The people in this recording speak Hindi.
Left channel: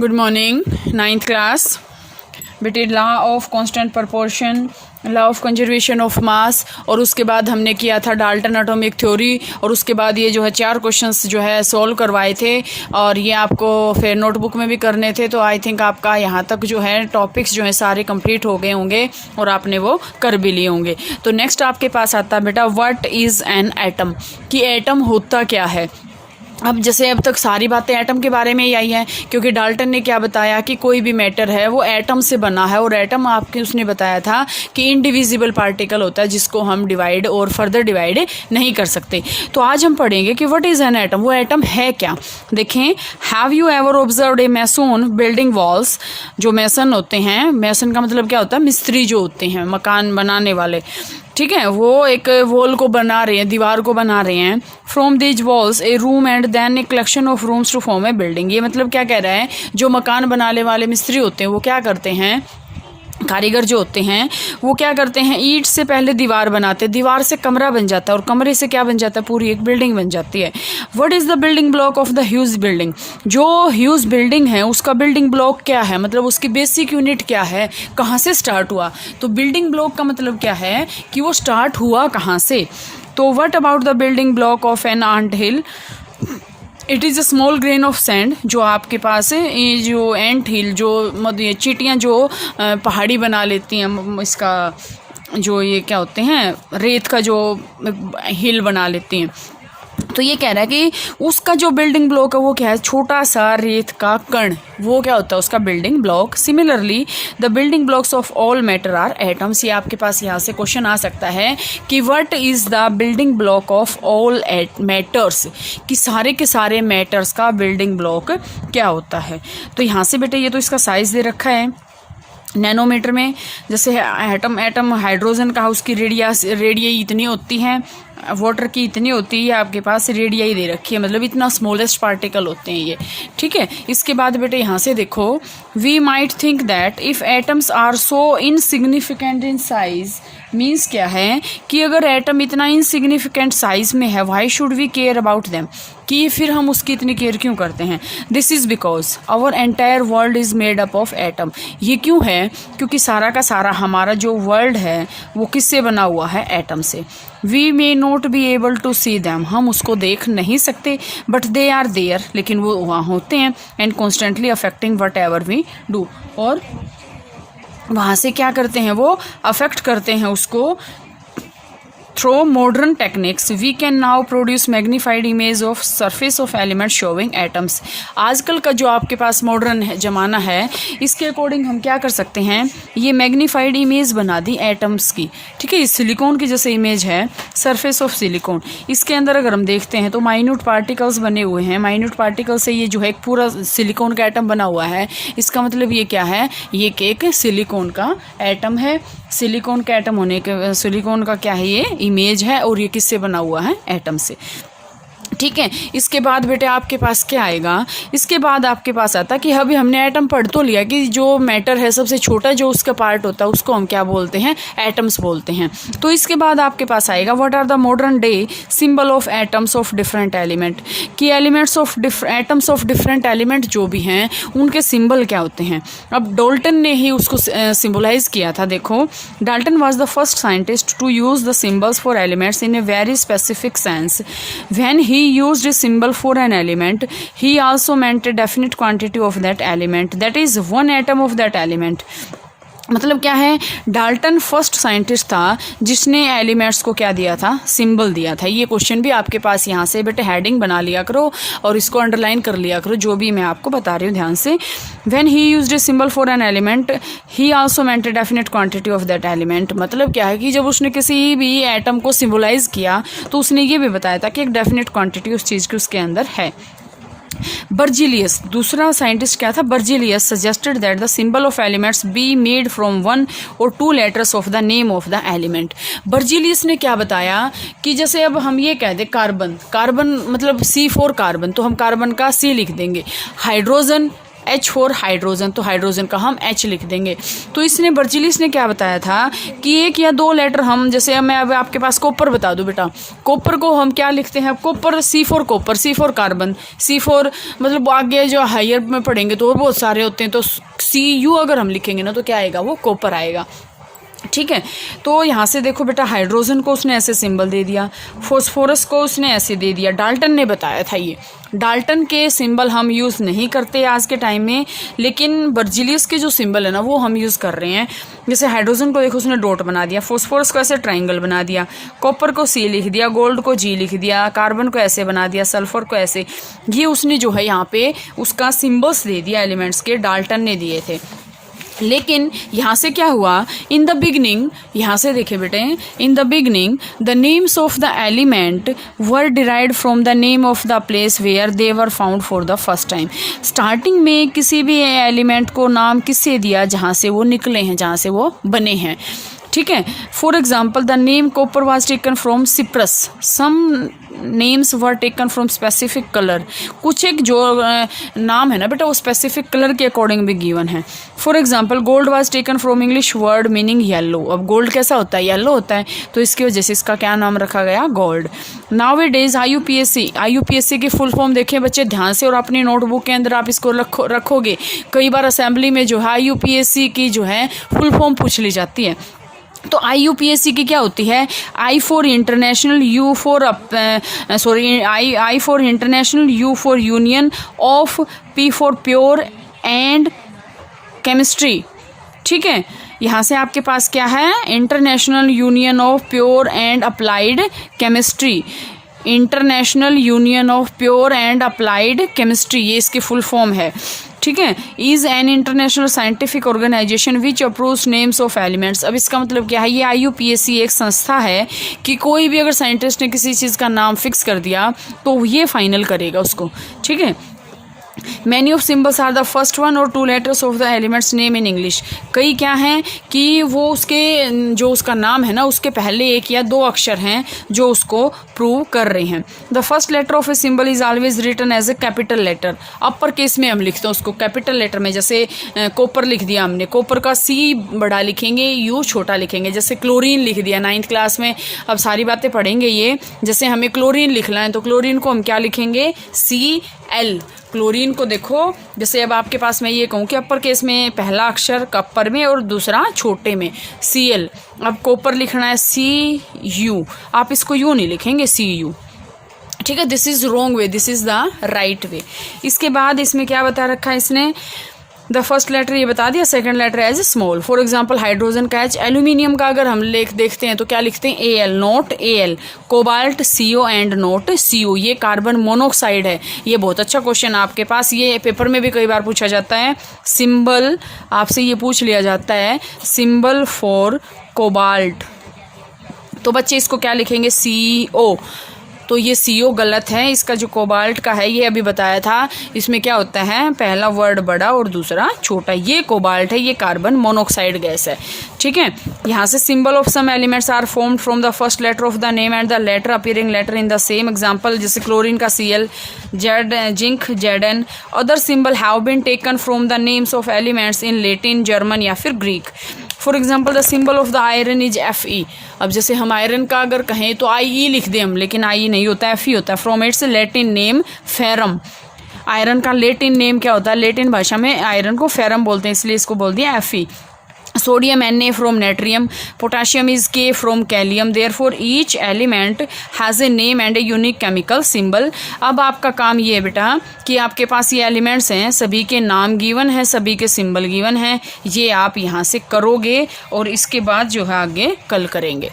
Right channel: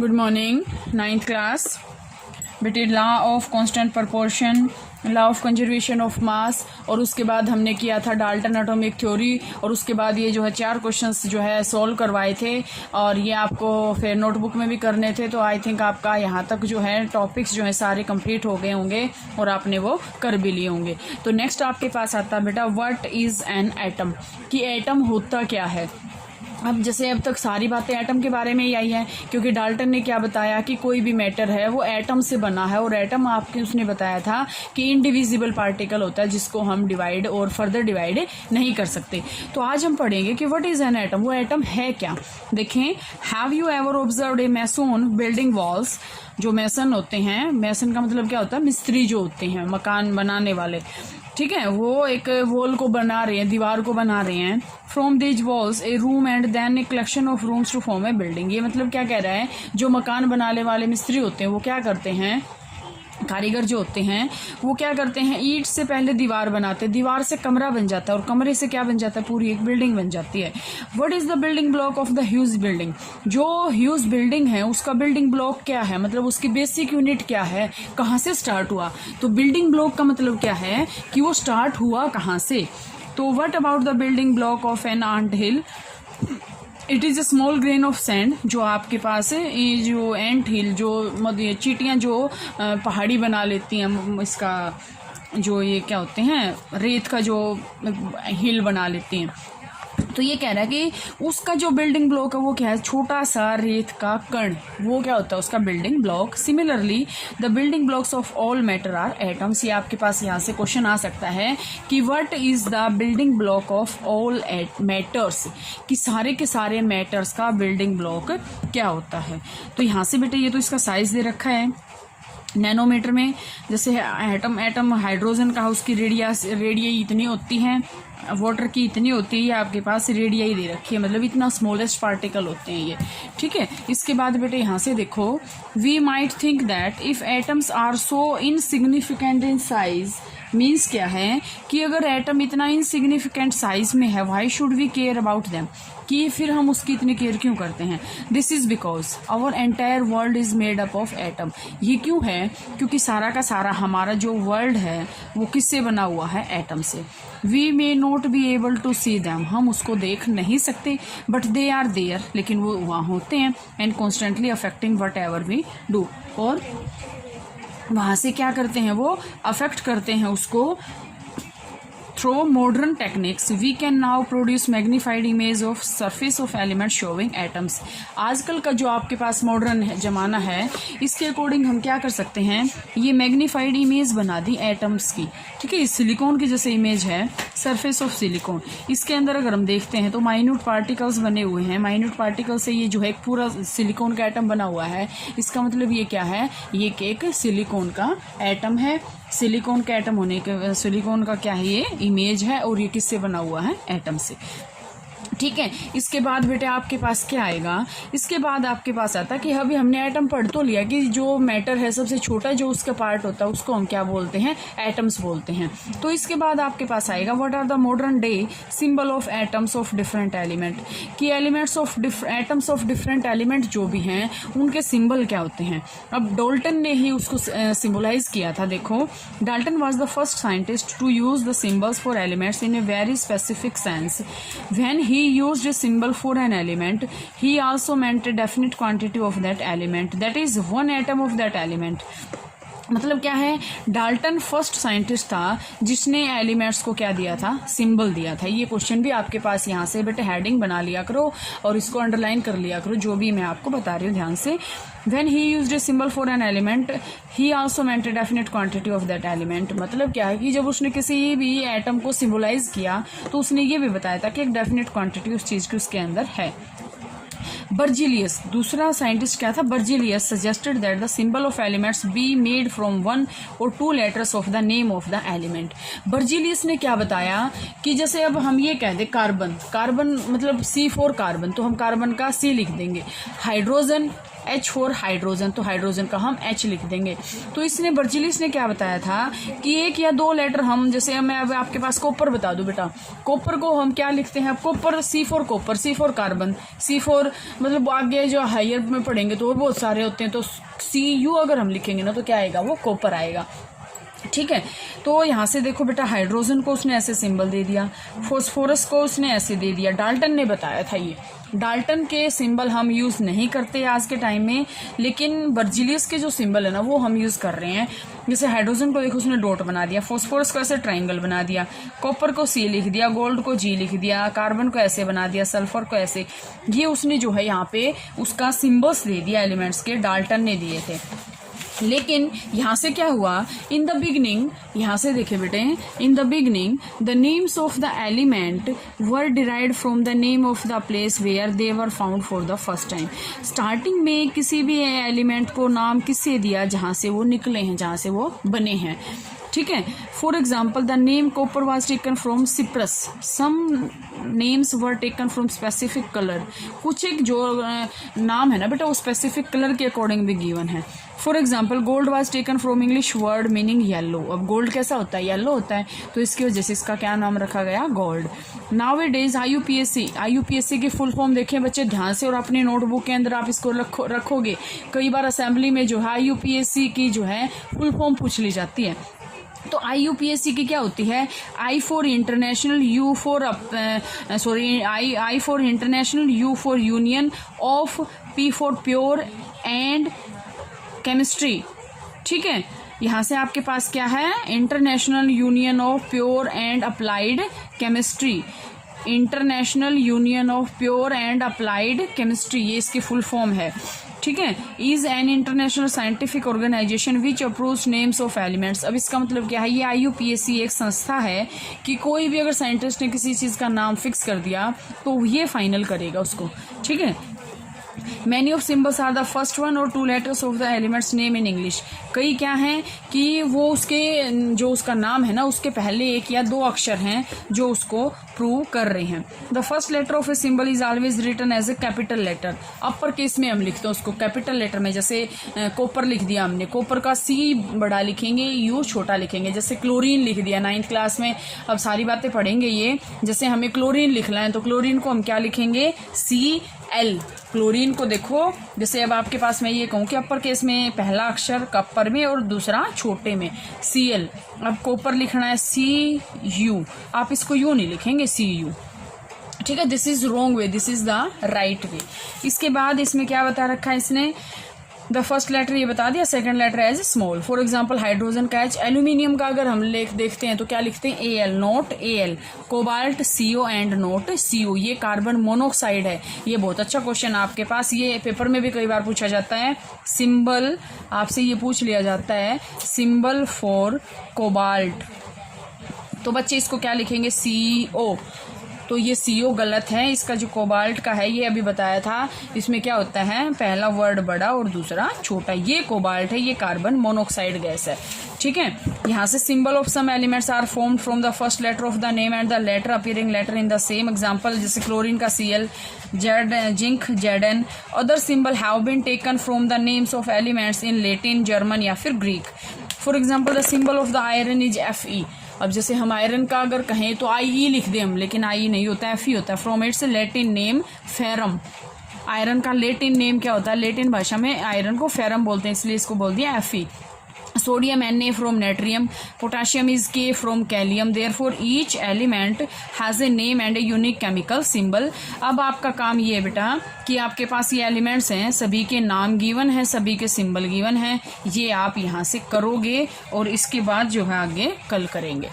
Good morning, 9th class. बेटे law of constant proportion, law of conservation of mass, और उसके बाद हमने किया था डाल्टन एटॉमिक थ्योरी, और उसके बाद ये जो है 4 क्वेश्चंस जो है सॉल्व करवाए थे, और ये आपको फिर नोटबुक में भी करने थे। तो आई थिंक आपका यहाँ तक जो है टॉपिक्स जो है सारे कंप्लीट हो गए होंगे और आपने वो कर भी लिए होंगे। तो नेक्स्ट आपके पास आता है बेटा व्हाट इज़ एन एटम, कि एटम होता क्या है। अब जैसे अब तक सारी बातें एटम के बारे में ही आई हैं, क्योंकि डाल्टन ने क्या बताया कि कोई भी मैटर है वो एटम से बना है, और एटम आपके उसने बताया था कि इनडिविजिबल पार्टिकल होता है जिसको हम डिवाइड और फर्दर डिवाइड नहीं कर सकते। तो आज हम पढ़ेंगे कि व्हाट इज़ एन एटम, वो एटम है क्या। देखें, have you ever observed a mason building walls. जो मैसन होते हैं, मैसन का मतलब क्या होता है, मिस्त्री जो होते हैं मकान बनाने वाले, ठीक है, वो एक वॉल को बना रहे हैं, दीवार को बना रहे हैं। From these walls a room and then a collection of rooms to form a building. ये मतलब क्या कह रहा है, जो मकान बनाने वाले मिस्त्री होते हैं वो क्या करते हैं, कारीगर जो होते हैं वो क्या करते हैं, ईंट से पहले दीवार बनाते हैं, दीवार से कमरा बन जाता है, और कमरे से क्या बन जाता है, पूरी एक बिल्डिंग बन जाती है। What is the building block of the huge building. जो ह्यूज बिल्डिंग है उसका बिल्डिंग ब्लॉक क्या है, मतलब उसकी बेसिक यूनिट क्या है, कहाँ से स्टार्ट हुआ। तो बिल्डिंग ब्लॉक का मतलब क्या है कि वो स्टार्ट हुआ कहाँ से। तो what about the building block of an ant hill. It is a small grain of sand. जो आपके पास है ये जो एंट हिल, जो मतलब चींटियाँ जो पहाड़ी बना लेती हैं, इसका जो ये क्या होते हैं, रेत का जो हिल बना लेती हैं। तो ये कह रहा है कि उसका जो बिल्डिंग ब्लॉक है वो क्या है, छोटा सा रेत का कण, वो क्या होता है उसका building block. Similarly the building blocks of all matter are atoms. ये आपके पास यहाँ से क्वेश्चन आ सकता है कि what is the building block of all matters, कि सारे के सारे मैटर्स का बिल्डिंग ब्लॉक क्या होता है। तो यहाँ से बेटे ये तो इसका साइज दे रखा है नैनोमीटर में। जैसे एटम हाइड्रोजन का, उसकी रेडियस इतनी होती है, वाटर की इतनी होती है, आपके पास रेडियस दे रखी है, मतलब इतना स्मॉलेस्ट पार्टिकल होते हैं ये, ठीक है। इसके बाद बेटे यहाँ से देखो, we might think that if atoms are so insignificant in size. Means क्या है कि अगर एटम इतना इनसिग्निफिकेंट साइज में है, why should we care about them, कि फिर हम उसकी इतनी केयर क्यों करते हैं। This is because our entire world is made up of atom. ये क्यों है, क्योंकि सारा का सारा हमारा जो वर्ल्ड है वो किससे बना हुआ है, एटम से। We may not be able to see them, हम उसको देख नहीं सकते, बट दे आर देयर, लेकिन वो वहाँ होते हैं, and constantly affecting whatever we do, और वहाँ से क्या करते हैं, वो अफेक्ट करते हैं उसको। Through modern techniques we can now produce magnified image of surface of element showing atoms. आजकल का जो आपके पास मॉडर्न ज़माना है, इसके अकॉर्डिंग हम क्या कर सकते हैं, ये मैग्नीफाइड इमेज बना दी एटम्स की, ठीक है। सिलिकॉन की जैसे इमेज है, सरफेस ऑफ सिलिकॉन, इसके अंदर अगर हम देखते हैं तो माइन्यूट पार्टिकल्स बने हुए हैं। माइन्यूट पार्टिकल से ये जो है एक पूरा सिलिकॉन का एटम बना हुआ है। इसका मतलब ये क्या है, ये एक सिलिकॉन का एटम है। सिलिकॉन का एटम होने के, सिलिकॉन का क्या है, ये इमेज है, और ये किससे बना हुआ है, एटम से, ठीक है। इसके बाद बेटे आपके पास क्या आएगा, इसके बाद आपके पास आता कि अभी हमने एटम पढ़ तो लिया कि जो मैटर है सबसे छोटा जो उसका पार्ट होता है उसको हम क्या बोलते हैं, एटम्स बोलते हैं। तो इसके बाद आपके पास आएगा what are the modern day symbol of atoms of different element, कि elements of atoms of different element जो भी हैं उनके सिंबल क्या होते हैं। अब डाल्टन ने ही उसको सिम्बलाइज किया था। देखो, Dalton was the first scientist to use the symbols for elements in a very specific sense. When he used a symbol for an element, he also meant a definite quantity of that element, that is one atom of that element। मतलब क्या है, डाल्टन फर्स्ट साइंटिस्ट था जिसने एलिमेंट्स को क्या दिया था, सिंबल दिया था। ये क्वेश्चन भी आपके पास यहाँ से बेटे हेडिंग बना लिया करो और इसको अंडरलाइन कर लिया करो, जो भी मैं आपको बता रही हूँ ध्यान से। When he used a symbol for an element he also meant a definite quantity of that element. मतलब क्या है कि जब उसने किसी भी एटम को सिम्बलाइज किया तो उसने ये भी बताया था कि एक डेफिनेट क्वांटिटी उस चीज़ की उसके अंदर है। बर्जिलियस दूसरा साइंटिस्ट क्या था, Berzelius suggested that the symbol of elements be made from 1 और 2 letters of the name of the element. Berzelius ने क्या बताया कि जैसे अब हम ये कह दें कार्बन, कार्बन मतलब C4 कार्बन, तो हम कार्बन का C लिख देंगे। हाइड्रोजन H फॉर हाइड्रोजन, तो हाइड्रोजन का हम H लिख देंगे। तो इसने बर्जिलिस ने क्या बताया था कि एक या दो लेटर हम, जैसे मैं अब आपके पास कॉपर बता दूं बेटा, कॉपर को हम क्या लिखते हैं, copper C for copper, C for carbon, C for मतलब आगे जो हायर में पढ़ेंगे तो और बहुत सारे होते हैं, तो Cu अगर हम लिखेंगे ना तो क्या आएगा, वो कॉपर आएगा। ठीक है, तो यहाँ से देखो बेटा, हाइड्रोजन को उसने ऐसे सिंबल दे दिया, फॉस्फोरस को उसने ऐसे दे दिया। डाल्टन ने बताया था ये। डाल्टन के सिंबल हम यूज़ नहीं करते आज के टाइम में, लेकिन बर्जिलियस के जो सिंबल है ना वो हम यूज़ कर रहे हैं। जैसे हाइड्रोजन को देखो उसने डॉट बना दिया, फॉस्फोरस को ऐसे ट्राइंगल बना दिया, कॉपर को C लिख दिया, गोल्ड को G लिख दिया, कार्बन को ऐसे बना दिया, सल्फर को ऐसे। ये उसने जो है यहाँ पे उसका सिम्बल्स दे दिया एलिमेंट्स के, डाल्टन ने दिए थे। लेकिन यहाँ से क्या हुआ, इन द बिगनिंग, यहाँ से देखे बेटे, in the beginning the names of the element were derived from the name of the place where they were found for the first time. Starting में किसी भी एलिमेंट को नाम किससे दिया, जहाँ से वो निकले हैं, जहाँ से वो बने हैं। ठीक है, for example the name copper was taken from Cyprus, some names were taken from specific colour. कुछ एक जो नाम है ना बेटा वो स्पेसिफिक कलर के अकॉर्डिंग भी गिवन है। For example gold was taken from English word meaning yellow. अब गोल्ड कैसा होता है, येलो होता है, तो इसकी वजह से इसका क्या नाम रखा गया, गोल्ड। नाउ ए डेज IUPAC की फुल फॉर्म देखें बच्चे ध्यान से, और अपनी नोटबुक के अंदर आप इसको रखोगे। कई बार असेंबली में जो है IUPAC की जो है फुल फॉर्म पूछ ली जाती है। तो IUPAC की क्या होती है, I for international, U for I for international, U for union of, P for pure and chemistry. ठीक है, यहाँ से आपके पास क्या है, international union of pure and applied chemistry, international union of pure and applied chemistry, ये इसकी फुल फॉर्म है। ठीक है, is an international scientific organization which approves names of elements. अब इसका मतलब क्या है, ये IUPAC एक संस्था है कि कोई भी अगर साइंटिस्ट ने किसी चीज़ का नाम फिक्स कर दिया तो ये फाइनल करेगा उसको। ठीक है, many of symbols are the first one और two letters of the elements name in English. कई क्या हैं कि वो उसके जो उसका नाम है ना उसके पहले एक या दो अक्षर हैं जो उसको प्रूव कर रहे हैं। The first letter of a symbol is always written as a capital letter. Upper case में हम लिखते हैं उसको कैपिटल लेटर में, जैसे कॉपर लिख दिया हमने, कॉपर का C बड़ा लिखेंगे, U छोटा लिखेंगे। जैसे क्लोरीन लिख दिया 9th क्लास में, अब सारी बातें पढ़ेंगे ये। जैसे हमें क्लोरीन लिखना है तो क्लोरीन को हम क्या लिखेंगे, CL। क्लोरीन को देखो, जैसे अब आपके पास मैं ये कहूँ कि अपर केस में पहला अक्षर कपर में और दूसरा छोटे में CL। अब कॉपर लिखना है CU, आप इसको U नहीं लिखेंगे, CU। ठीक है, this is wrong way, this is the right way. इसके बाद इसमें क्या बता रखा है इसने, द फर्स्ट लेटर ये बता दिया, second letter as small. For example hydrogen का H, एल्यूमिनियम का अगर हम देखते हैं तो क्या लिखते हैं, AL note AL, cobalt CO and note CO। ये कार्बन मोनोक्साइड है। ये बहुत अच्छा क्वेश्चन आपके पास, ये पेपर में भी कई बार पूछा जाता है। सिंबल आपसे ये पूछ लिया जाता है, सिंबल फॉर कोबाल्ट, तो बच्चे इसको क्या लिखेंगे, CO। तो ये CO गलत है, इसका जो कोबाल्ट का है ये अभी बताया था, इसमें क्या होता है, पहला वर्ड बड़ा और दूसरा छोटा। ये कोबाल्ट है, ये कार्बन मोनोक्साइड गैस है। ठीक है, यहाँ से symbol of some elements are formed from the first letter of the name and the letter appearing letter in the same. Example जैसे क्लोरीन का CL, zinc ZN। Other symbol have been taken from the names of elements in Latin, German या फिर Greek. For example the symbol of the iron is Fe। अब जैसे हम आयरन का अगर कहें तो IE लिख दें हम, लेकिन IE नहीं होता है, Fe होता है। From its Latin name ferrum. Iron का लैटिन नेम क्या होता है, लैटिन भाषा में आयरन को फेरम बोलते हैं, इसलिए इसको बोल दिया Fe। Sodium Na from natrium, potassium is K from kalium. Therefore each element has a name and a unique chemical symbol. अब आपका काम ये है बेटा कि आपके पास ये एलिमेंट्स हैं, सभी के नाम गिवन है, सभी के सिंबल गिवन हैं, ये आप यहाँ से करोगे और इसके बाद जो है आगे कल करेंगे।